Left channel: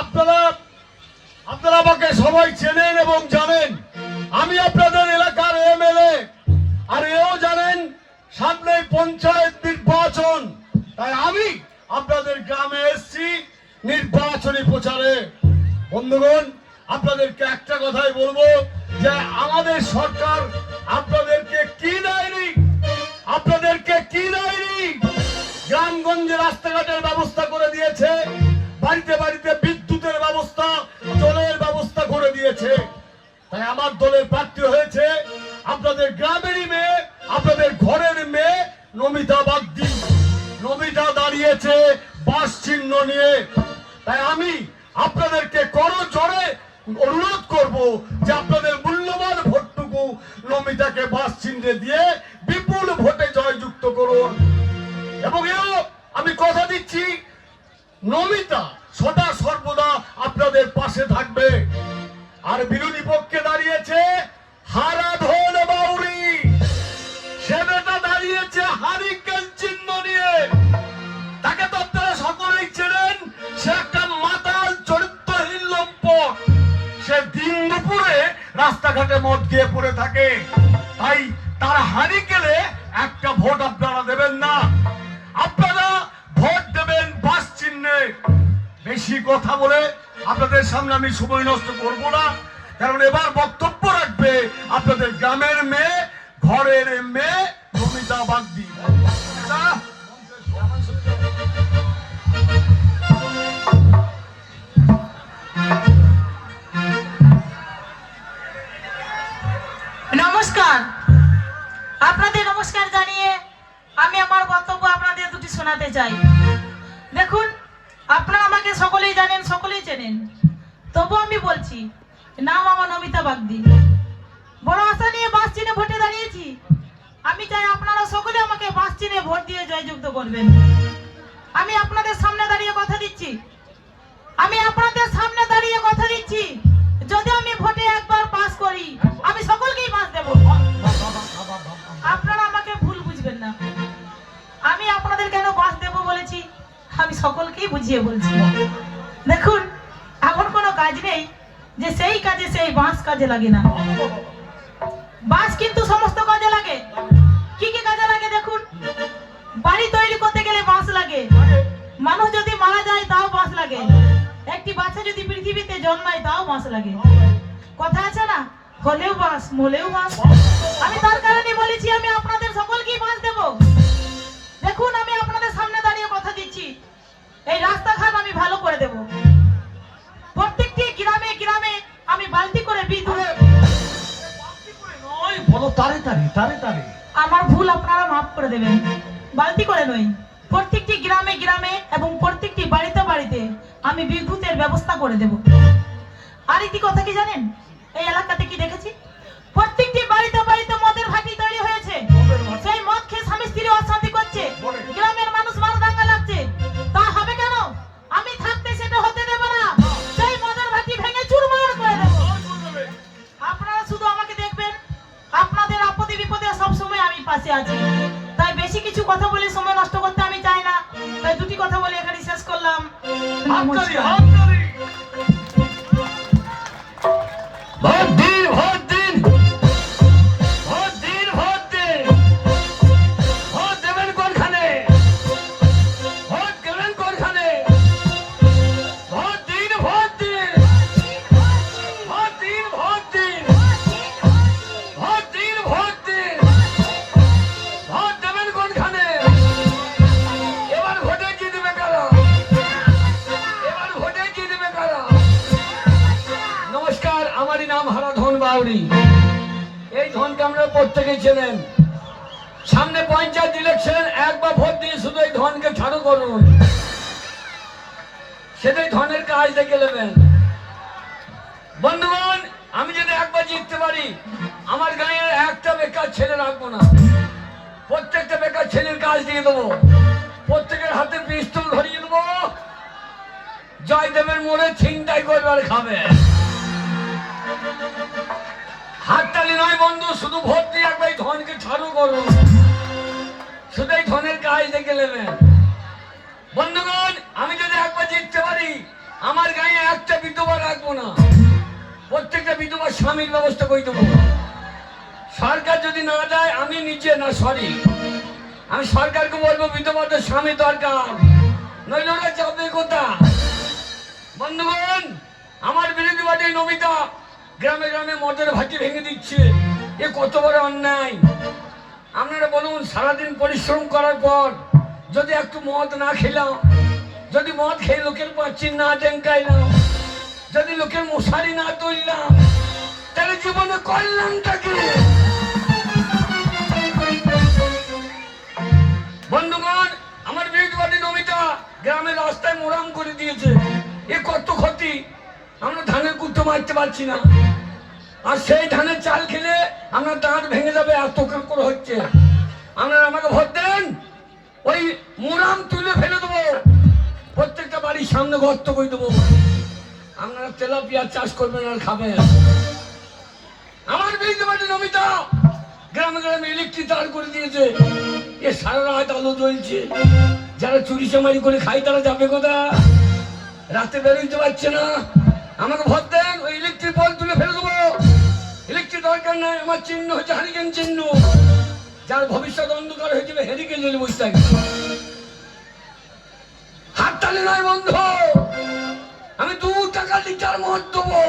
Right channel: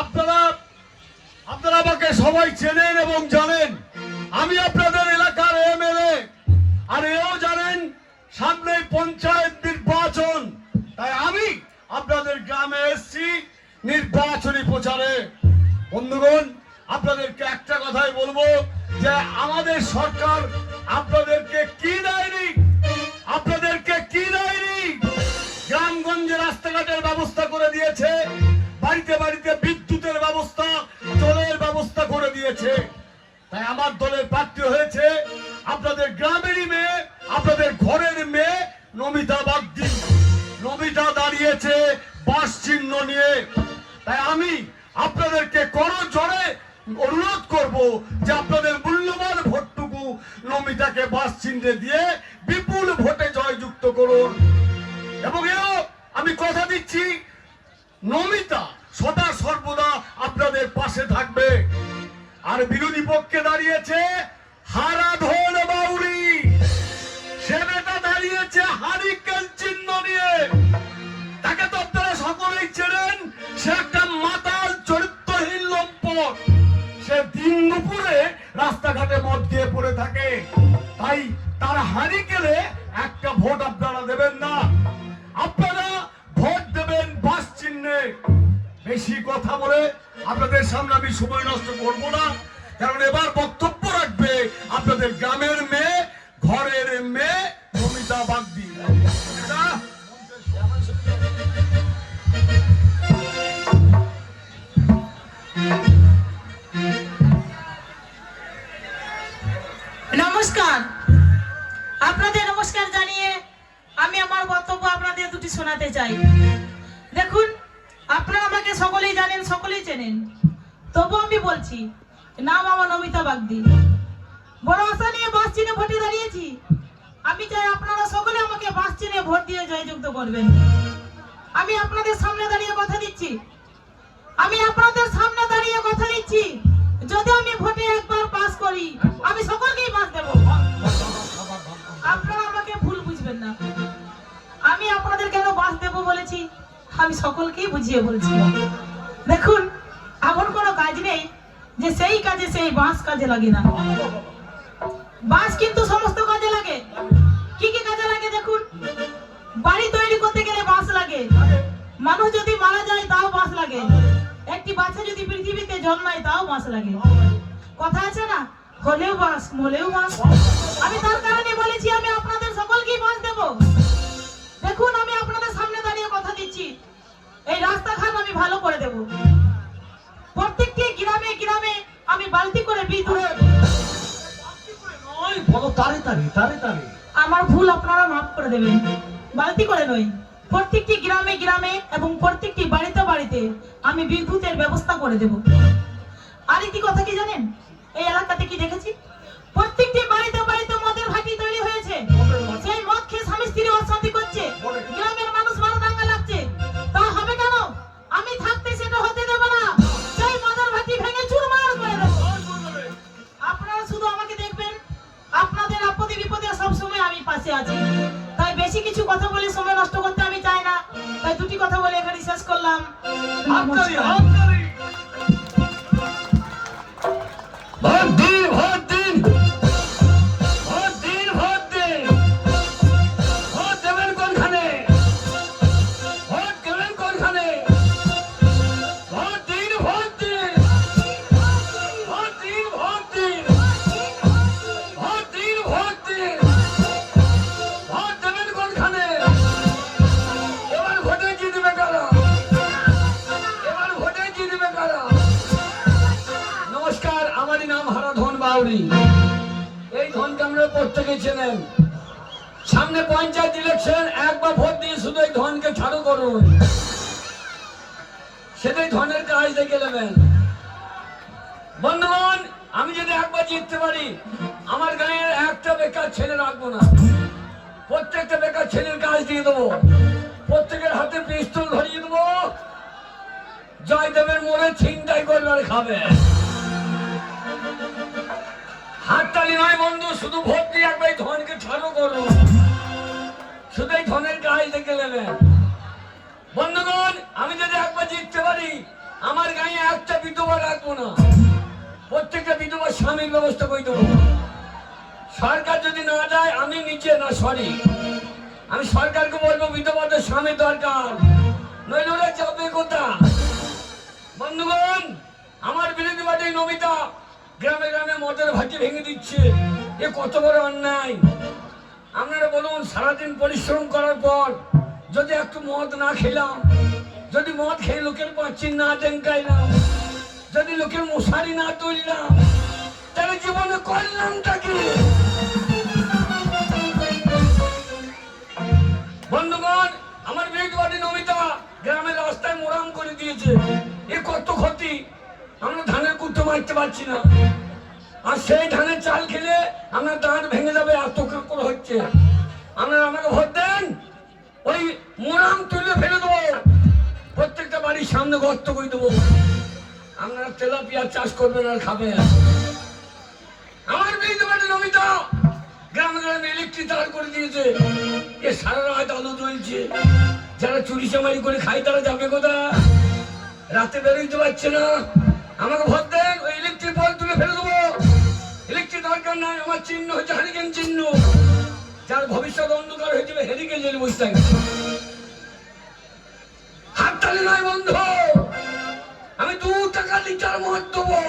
আপনারা আপনারা আমাকে সবাই চেনেন এবং জানেন আমি আপনাদের এলাকার এমএলএ, আর এও জানেন সামনে পঞ্চায়েত নির্বাচন, তাই আমি আপনাদের গ্রামে এসেছি নির্বাচনী প্রচারে। বন্ধুগণ, আপনাদেরকে একটা কথাই বলবো যে আমাদের সরকার আপনাদেরকে কি দেয়নি, আপনাদেরকে কি দেয়নি। গ্রামগঞ্জে রাস্তাঘাটের ব্যবস্থা করে দিয়েছে, বাড়িতে বাড়িতে বিদ্যুতের ব্যবস্থা, জলের ব্যবস্থা করে দিয়েছে। তাই আমার দলের প্রার্থী হয়েছে আপনাদের গ্রামেরই মেয়ে, আপনাদের ঘরের মেয়ে নমিতা বাগদি। নমিতা দাঁড়িয়েছে বাস চিহ্ন নিয়ে। তাই আমি আপনাদেরকে করজোড়ে অনুরোধ করব যে আপনাদের মূল্যবান ভোটটুকু নমিতাকে বাস চিহ্নে দিয়ে বিপুল ভোটে জয়যুক্ত করুন। এবং এও আমি কথা দিচ্ছি, নমিতা সদা সর্বদা আপনাদের পাশে থাকবে। আর বিরোধী পক্ষে দাঁড়িয়েছে হারাধন বাউরি, সেটা দাঁড়িয়েছে হারিকেন চিহ্ন নিয়ে। তাকে তো আপনারা সকলেই চেনেন, সে একটা মাতাল চরিত্রহীন লম্পট। সে দিন দুপুরে রাস্তাঘাটে মদ গিয়ে পড়ে থাকে। তাই তার হারিকেনে একটা ভোট আপনারা দেবেন না, আপনারা ভোট দেবেন বাস চিহ্নে। বেশি কথা বলে আপনাদের সামনে আমি সময় নষ্ট করব না, কারণ এবার বক্তব্য রাখবে আপনাদের গ্রামের মেয়ে, ঘরের মেয়ে নমিতা বাগদি। নমস্কার। আপনাদের নমস্কার জানিয়ে আমি আমার বক্তব্য আপনাদের দুটি শোনাতে চাই। দেখুন, আপনারা আমাকে সকলেই জানেন, সকলেই চেনেন, তবু আমি বলছি, নাম আমার নমিতা বাগদি। বড় আশা নিয়ে বাস চিহ্নে ভোটে দাঁড়িয়েছি। আমি চাই আপনারা সকলে আমাকে বাস চিহ্নে ভোট দিয়ে জয়যুক্ত করবেন। আমি আপনাদের সামনে দাঁড়িয়ে কথা দিচ্ছি, আমি আপনাদের সামনে দাঁড়িয়ে কথা দিচ্ছি, যদি আমি ভোটে একবার পাস করি আমি সকলকেই বাস দেব। আপনারা আমাকে ভুল বুঝবেন না, আমি আপনাদের কেন বাস দেব বলেছি আমি সকলকেই বুঝিয়ে বলছি। দেখুন, এমন কোনো কাজ নেই যে সেই কাজে সেই বাস কাজে লাগে না। বাস কিন্তু সমস্ত কাজে লাগে। কি কি কাজে লাগে দেখুন, বাড়ি তৈরি করতে গেলে বাস লাগে, মানুষ যদি মারা যায় তাও বাস লাগে, একটি বাচ্চা যদি পৃথিবীতে জন্মায় তাও বাস লাগে। কথা আছে না, হলেও বাস মলেও বাস। আমি তার কারণে বলেছি আমি আপনাদের সকলকেই বাস দেব। দেখুন, আমি আপনাদের সামনে দাঁড়িয়ে কথা দিচ্ছি, এই রাস্তাঘাট আমি ভালো করে দেব। প্রত্যেকটি গ্রামে গ্রামে আমি বালতি করে বিদ্যুৎ, বলো তারে তারে তারে তারে, আমার ভুল আপনারা মাফ করে দেবেন, বালতি করে নয়, প্রত্যেকটি গ্রামে গ্রামে এবং প্রত্যেকটি বাড়িতে বাড়িতে আমি বিদ্যুতের ব্যবস্থা করে দেব। আর একটি কথা কি জানেন, এই এলাকাতে কি দেখেছি, প্রত্যেকটি বাড়িতে বাড়িতে মদের ভাটি তৈরি হয়েছে। সেই মদ খেয়ে স্বামী স্ত্রী অশান্তি করছে, গ্রামের মানুষ মারদাঙ্গা লাগছে। তা হবে কেন? আমি থাকতে সেটা হতে দেব না। সেই মদের ভাটি ভেঙে চুরমার করে দেব। আপনারা শুধু আমাকে দেখবেন, আপনাদের আপদে বিপদে সব সময় আমি পাশে আছি। তাই বেশি কিছু কথা বলে সময় নষ্ট করতে আমি চাই না। তাই দুটি কথা বলে এখানে শেষ করলাম। নমস্কার। ভোট দিন, ভোট দিন, ভোট দিন, ভোট দিন। ভোট দেবেন কোনখানে, ভোট দেবেন কোনখানে? ভোট দিন, ভোট দিন, ভোট দিন, ভোট দিন, ভোট দিন, ভোট দিন। ভোট দেবেন কোনখানে? এবার ভোটে কি দিবে কারা? এবার ভোটে কি দিবে কারা? নমস্কার, আমারই নাম হারাধন বাউরি। এই ধনকে আমরা প্রত্যেকেই চেনেন। সামনে পঞ্চায়েত ইলেকশন, একবার ভোট দিয়ে শুধু এই ধনকে ছাড়ো করুন, সেটাই ধনের কাজ দেখে নেবেন। বন্ধুগণ, আমি যদি একবার জিততে পারি, আমার গাঁয়ের একটা বেকার ছেলে রাখবো না, প্রত্যেকটা বেকার ছেলের কাজ দিয়ে দেবো, প্রত্যেকের হাতে পিস্তল ধরিয়ে দেবো, জয়দেবের মোড়ে ছিনতাই করবার খাবে। হাততালি নয় বন্ধু, শুধু ভোট দিয়ে একবার ধনকে ছাড়ো করুন, শুধু এই ধনের কাজ দেখে নেবেন। বন্ধুগণ, আমি যদি একবার জিততে পারি, আমার গায়ে একটা বিধবা রাখবো না, প্রত্যেকটা বিধবা স্বামীর ব্যবস্থা করে দেবো। সরকার যদি না দেয় আমি নিজে না সরি আমি সরকারকে বলবো বিধবাদের স্বামী দরকার, নইলে ওরা যাবে কোথা। বন্ধুগণ, আমার বিরোধী পার্টির নমিতা গ্রামে গ্রামে মদের ভাটি ভেঙে দিচ্ছে, এ কত বড় অন্যায়। আপনারা বলুন, সারাদিন পরিশ্রম করার পর যদি একটু মদ না খেলাম, যদি মদ খেয়ে লোকের পাচ্ছি না ডেঙ্কাইলাম, যদি লোকের মশারি না তুললাম, তাহলে জীবনে করলামটা কি? বন্ধুগণ, আমার বিরোধী পার্টির নমিতা গ্রামের রাস্তায় মোরাম করে দিয়েছে, এ কত ক্ষতি। আমরা ধানের কুটো মারতে পারছি না, আর সেই ধানের চাল খেলে আপনার দাঁত ভেঙে যাবে, এত করে হচ্ছে। আপনারা আমাকে ভোট দেন, ওই মোরাম তুলে ফেলে দেবো, প্রত্যেকটা বাড়ির সামনে গর্ত করে দেবো, আপনারা তেলাপিয়া চাষ করবেন আর খাবেন। আমার বিরোধী পার্টির নমিতা গ্রামে গ্রামে ইলেকট্রিক তার করে দিয়েছে, এ সারা রাত আলো জ্বলছে, যারা চুরি চামারি করে খায় তারা যাবে কোথায়, রাতে বেরোতে পারছে না। আমাকে ভোট দেন, ওই ইলেকট্রিক বল তুলে ফেলে দেবো। ইলেকট্রিক দরকার নয়, আমার চিহ্ন হচ্ছে হারিকেন চিহ্ন, যার ভবিষ্যৎ অন্ধকার হয়ে যাবে হেরিকেন জেলে বসে থাকবে। হাততালি নয় বন্ধু, আমি 2 টাকা লিটার মদ দেবো।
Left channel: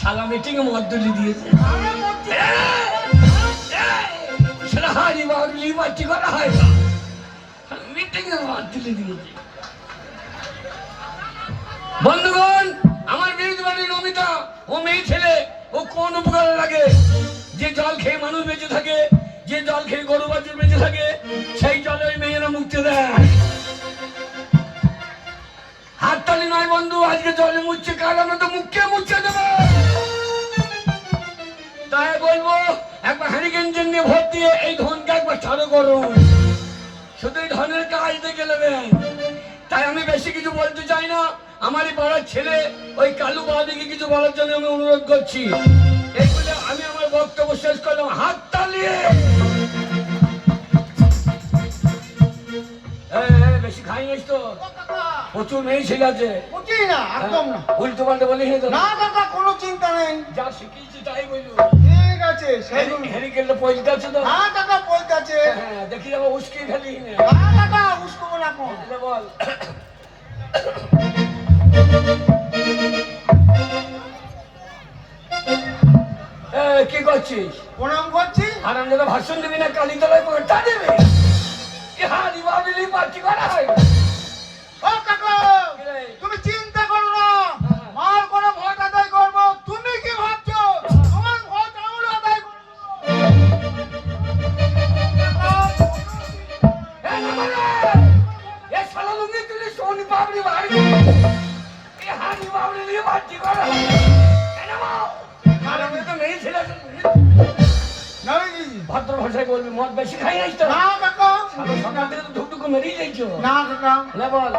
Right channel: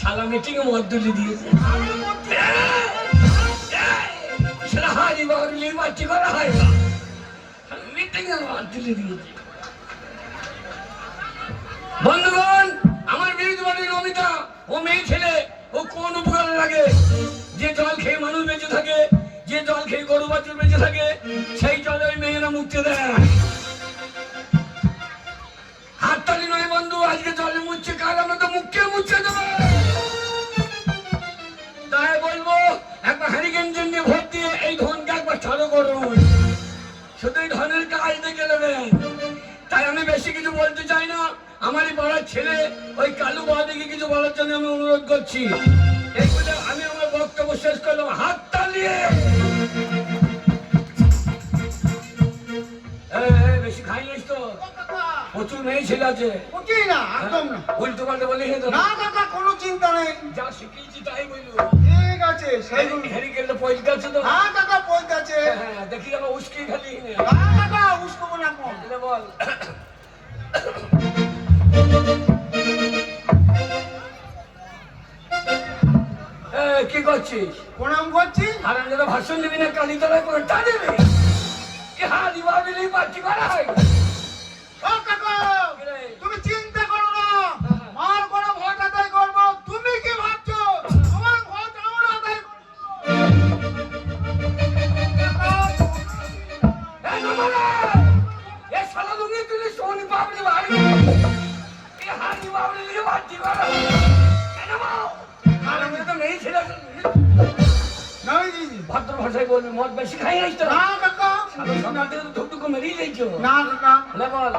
শালা মিটিং এ মদ তুলে দিয়েছে, সেটা হারি বাড়ি বাচ্চি করা হয়, মিটিং এ মদ তুলে দিয়েছে। বন্ধুগণ, আমার বিরোধী পার্টির নমিতা ও মেয়ে ছেলে ও কোন উপকারে লাগে? যে জল খেয়ে মানুষ বেঁচে থাকে, যে জল খেয়ে গরু বাছুর বেঁচে থাকে, সেই জল ওই মেয়েরা মুছতে দেয়। হাততালি নয় বন্ধু, আজকে জলে মুছছে, কাল আমরা তো মুখকে মুছতে দেবো। তাই বলবো, একবার হ্যারিকেন জন্য ভোট দিয়ে এই ধনকে একবার ছাড়ো করুন, শুধু এই ধনের কাজ দেখে নেবেন। তাই আমি বেশি কিছু বলতে চাই না, আমারই পাড়ার ছেলে ওই কালু বাবাদিকে কিছু বলার জন্য আমি অনুরোধ করছি। এই বলে আমি আমার বক্তব্য শেষ করলাম। হাত তালিয়ে বেশি খাই নিস তো, প্রচুর মেয়ে ছেলে আছে, উল্টো পাল্টা বলে না কাকা, কোনো চিন্তা নেই, যা শিখিয়েছি তাই বলবো। ঠিক আছে। হেরিকেনটা পয়সা আছে তো? হ্যাঁ কাকা, পয়সা আছে। হ্যাঁ, দেখি আমার উস্কি ফেলি। হ্যাঁ কাকা, উস্কবো না কোন। বল। কি করছিস? প্রণাম করছি। আর আমরা ভাষণ দেবি না, কালীতলায় পাল্টা দেবে? হারি বাবিলি পার্টি করা হয়। ও কাকা, তুমি চিন্তা করো না, মার করে ভোট আদায় করবো। তুমি কি ভাবছো তোমার ভোট আমরা আদায় করবো? ভদ্র ভাষায় বলবি, মদ বেশি খাই নাই তো? না কাকা। সকাল থেকে তো ধুকটুকু মেরিয়ে যাইছো। না কাকা। না বল।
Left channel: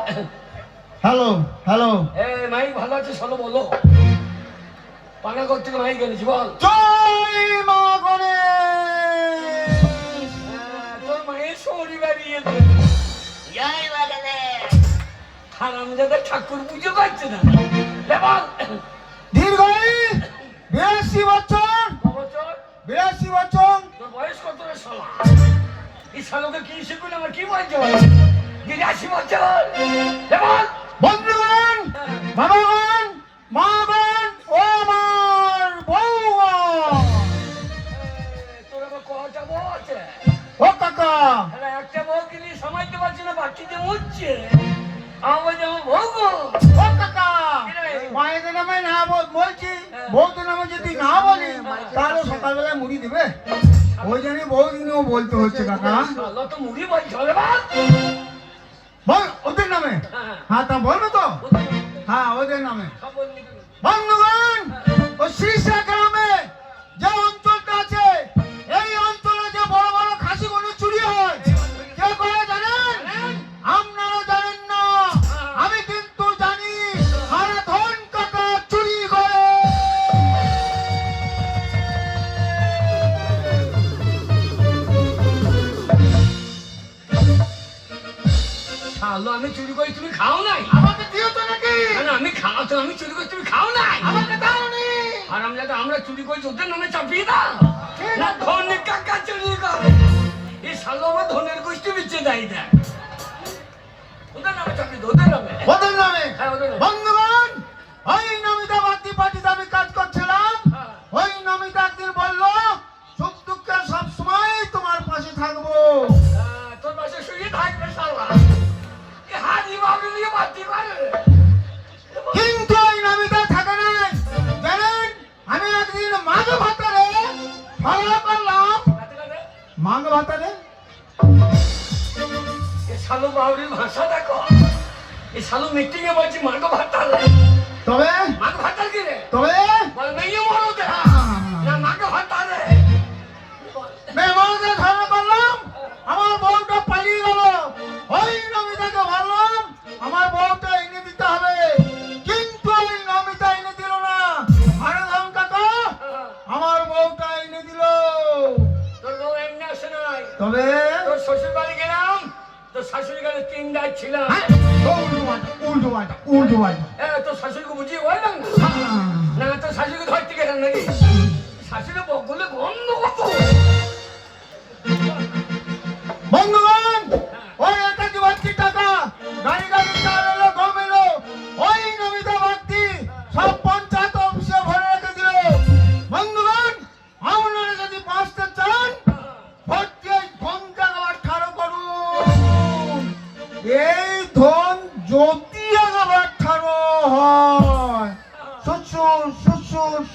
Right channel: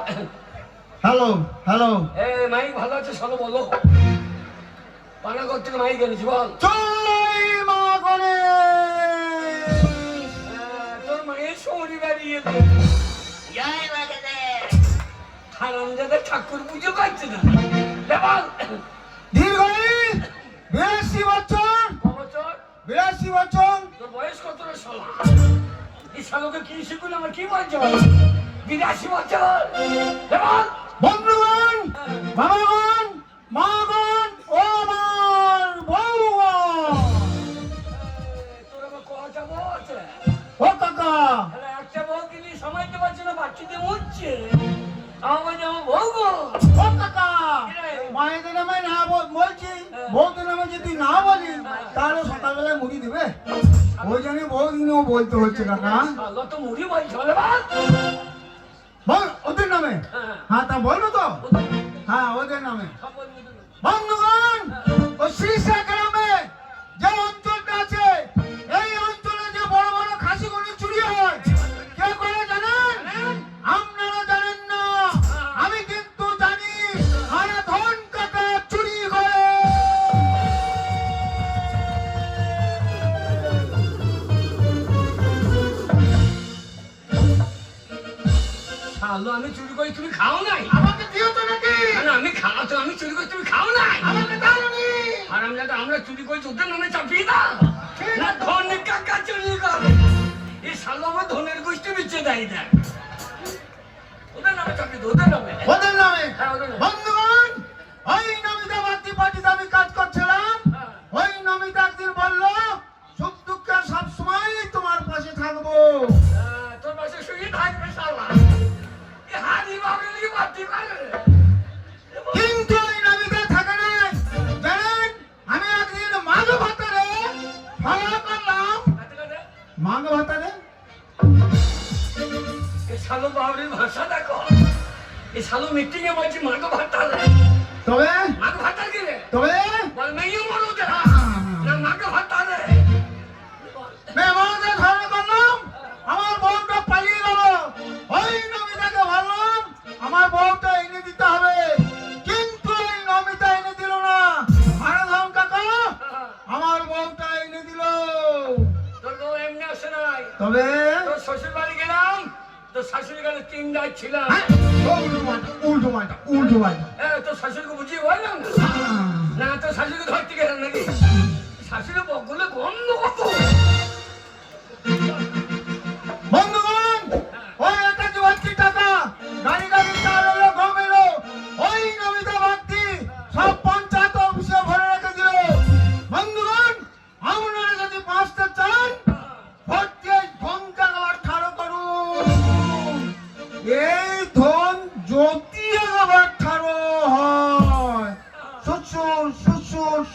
Hello hello. মাইক ভালো আছে, চলো বলো। পানা করতে মাইক এনেছি, বল। জয় মা গণেশ। তোর মায়ের শরীর হারামজাদা ঠাকুর পুজো পাচ্ছে না, বল। দীর্ঘায়ু 82 বছর। বছর 82 বছর। তোর বয়স কত রে শালা? এই শালাকে কি শিখুন, আমার কি বলছো? 82 বছর, বল। বন্ধুগণ, বাবাগণ, মাগণ, ও আমার বউগণ। তোর কটা বউ আছে? ও কাকা, একটা বউ কিনে সমাজতে পারছি না, বাচ্চাতে উঠছে। আমার যেমন বউ। ও কাকা, মায়েদের নামে না বলছি, বউদের নামে যদি না বলি তাহলে সকালবেলায় মুড়ি দিবে। ওই জন্য বউদিনও বলতে হচ্ছে কাকা। তো মুড়ি বলছো রে বাপ? বল ওদের নামে। হ্যাঁ তা বলবো তো। হ্যাঁ ওদের নামে। বন্ধুগণ, ও শীর্ষা গ্রামে যে অঞ্চলটা আছে, এই অঞ্চলে যে বড় বড় খাসিগুলো চুরি হয়, কে করে জানেন? আপনারা জানেন না, আমি কিন্তু জানি। আরে ধন কাকা চুরি করে। শালো আমি চুরি করি তুমি খাও নাই? আমাকে দিও তো নাকি? না, না, আমি খাও তো আমি চুরি করি তুমি খাও নাই? আমাকে দাও নি। আর আমরা চুরি করি ওদের নামে চাপিয়ে দাও না, ধনী কাকা চুরি করে এই শালো আমার ধনের গোষ্ঠী বিচ্ছে দেয় দেয় ওদের নামে চাপিয়ে দাও, ওদের নামে। ওদের নামে। হ্যাঁ, ওদের নামে। বন্ধুগণ, ওই নমিতা বাগদি পার্টিতে আমি কাজ করছিলাম। হ্যাঁ। ওই নমিতা একদিন বললো সুখ দুঃখে সবসময় তোমার পাশে থাকবো। তোর পাশে শুয়ে থাকবে শালা, এই হাড়ি মাকে নিয়ে মারতে পারে। কিন্তু ওই নমিতা থাকে না। জানেন, আমি একদিন মাঘ ভাতারে ভালো করলাম। মাঘ ভাতারে এই শালো বাউরির ভাষা দেখো, এই শালো মিটিং এ বলছি মার্গ ভাতার। তবে মার্গ ভাতার কি রে? তবে বল মেয়ে মরো দে না, মার্গ ভাতার রে। মেহমানদের ধারণা করলাম, আমার বউটা পালিয়ে গেল। ওই নমিতাকে ভাবলাম আমার বউটা এনে দিতে হবে, কিন্তু ওই নমিতা এনে দিল না। আরে ধন কাকা, আমার বউটা এনে দিল। তোর বউ এমনি আসে নাই। তবে তোর শ্বশুর বাড়ি গেলাম, তোর শাশুড়ি গেলে 3 রাত ছিলাম। উল্টো পাল্টা। তোর শাশুড়িকে বুঝিয়ে বললাম না, না তোর শাশুড়িকে ধরতে গেলাম নাকি? শাশুড়ি বকলে গন্ধ কত। বন্ধুগণ, ওই একটা কি বাড়তি টাকা গাড়ি চালানো গমেরও ওই নমিতা বাড়তি সব পঞ্চায়েত অফিসে ভরে রেখে দিল। বন্ধুগণ, আপনারা যদি বাঁচতে চান ভর্তি ধনকে আবার ঠাড়ো করুন। এই ধন যদি আবার ঠাড়ো হয়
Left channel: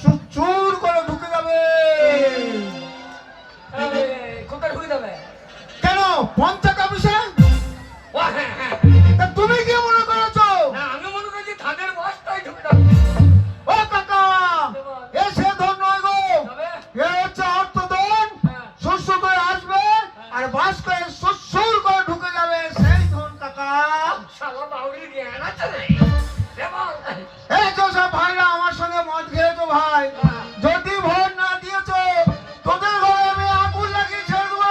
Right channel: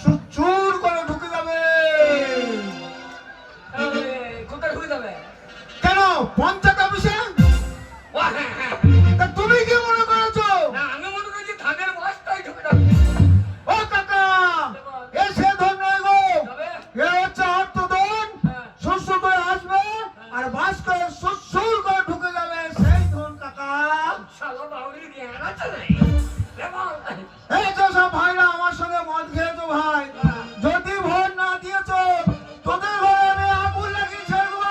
সুচুর করে ঢুকে যাবে। কোথায় ঢুকে যাবে? কেন পঞ্চায়েত অফিসে? ও হ্যাঁ হ্যাঁ, তা তুমি কি মনে করছো? না আমি মনে করছি ধানের বস্তায় ঢুকে যাবে। ও কাকা, এ সে ধন নয় গো, তবে এ হচ্ছে অর্থ ধন। শস্য ধরে আসবে আর বাস করে শস্যর করে ঢুকে যাবে সেই ধন কাকা। শালা বাউরির জ্ঞান আছে রে। এবং এই যে সব ভাইরা আমার সঙ্গে মদ খেয়েছো ভাই, যদি ভোট না দিয়েছো তোদের ঘরে আমি আগুন লাগিয়ে ছেড়ে দেবো।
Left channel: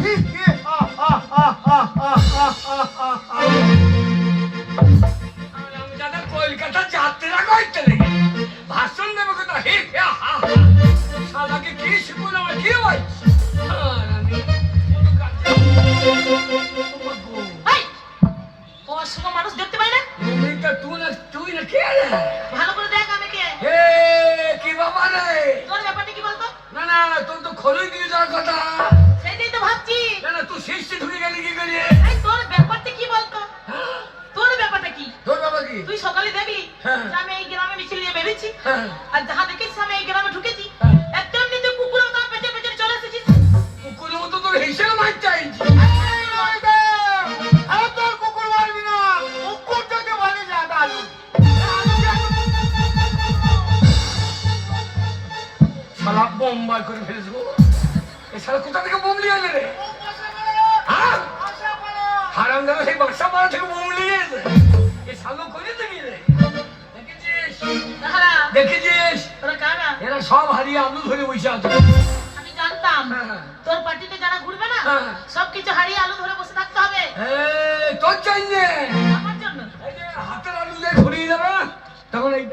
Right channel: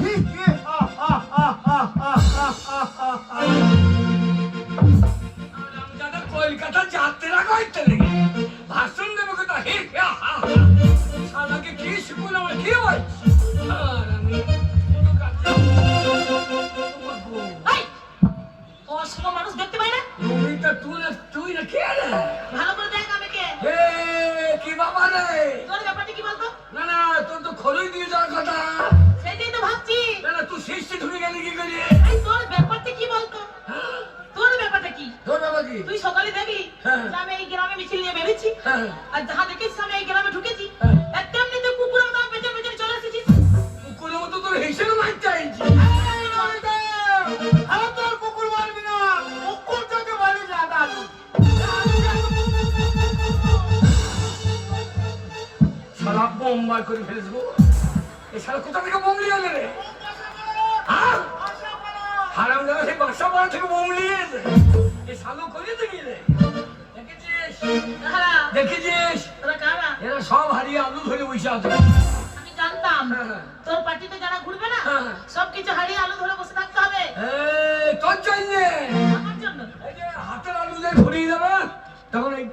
হি, হি, হা, হা, হা, হা, হা, হা, হা, হা, হা। আমি যাদের কলকাতা যাত্রা করতে রে ভাষণ দেবো কোথা হে হা হা। শালাকে কি শিখুন আমার কি ভাই? আর আমি এই, অশুভ মানুষ দেখতে পাই না? এইটা তুই না কে রে? ভালো করে দেখ আমি কে। হে কি বাবা রে? তোর ব্যাপারটা কি বলতো? না না তোর তো খোলই দিয়ে যাওয়ার কথা। সেটাই তো ভাবছি। না না তুই শিষ্য ঢুকে গেলি কি করে? এই তোর ব্যাপারটা কি বলতো? হ্যাঁ, তোর ব্যাপারটা কি? তোর বাবা কি? তুই সকালে দেখলি হ্যাঁ। যে আমি এই গ্রামে মিছিল নিয়ে বেরিয়েছি, হ্যাঁ, আর যাহা দেখিস আমি এই গ্রামে ঢুকেছি, হ্যাঁ। একদমনি তুই কুকুরের মতো পেছনে পেছনে চলে এসেছিস। কুকুরের মতো তোর হিসেবে মারতে আইছি। এই নমিতা, আরে তোর কুকুর মারবি না, কুকুর থেকে বাড়ি যা দাদু। শালা বোম্বার করে ফেলেছ গো। এই শালা কোথা থেকে বোম নিয়ে এলে রে? হ্যাঁ? হারাম দাদা সেই বাক্সা মারা থেকে বোম নিয়ে এলে। এই শালো করেছে কি রে? দেখেছিস? হ্যাঁ, দেখেছিস? তোরা কারা? এরা সব হারিয়ে আলু ধরে বসে আছে। আমি জানতাম হ্যাঁ। তোর পার্টিতে যারা ঘুরবে না হ্যাঁ। সবকিছু হারিয়ে আলো ধরে বসে থাকতে হবে এই, তোর চাইছে। আমার জন্য। এই যে হাতের আলু দিয়ে ঘুরিয়ে যাবে না, তখন এই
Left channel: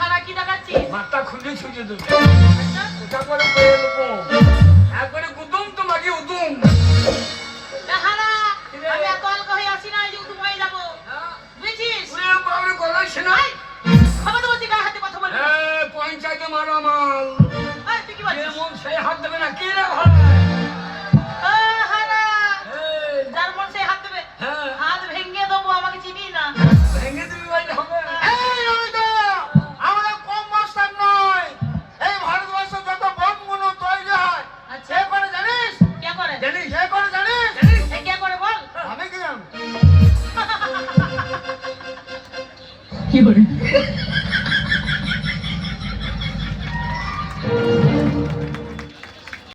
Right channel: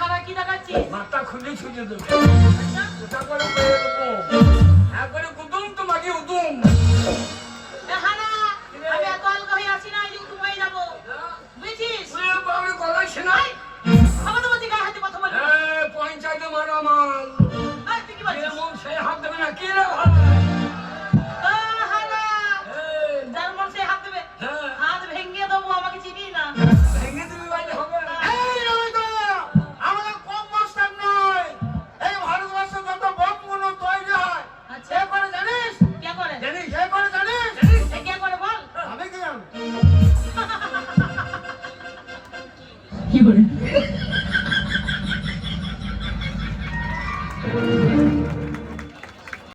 হারা কি দেখাচ্ছিস? মাথা খুলে ছুটে দেবে। আচ্ছা, এটা করে পেয়ে দেবো। একবারে গুদুম তো নাকি উদুম। হারা, আমি এত আলগা হয়ে আসি না যে তুই হয়ে যাবো, বুঝেছিস? তুই বাবরে গলায় শোনা। এই,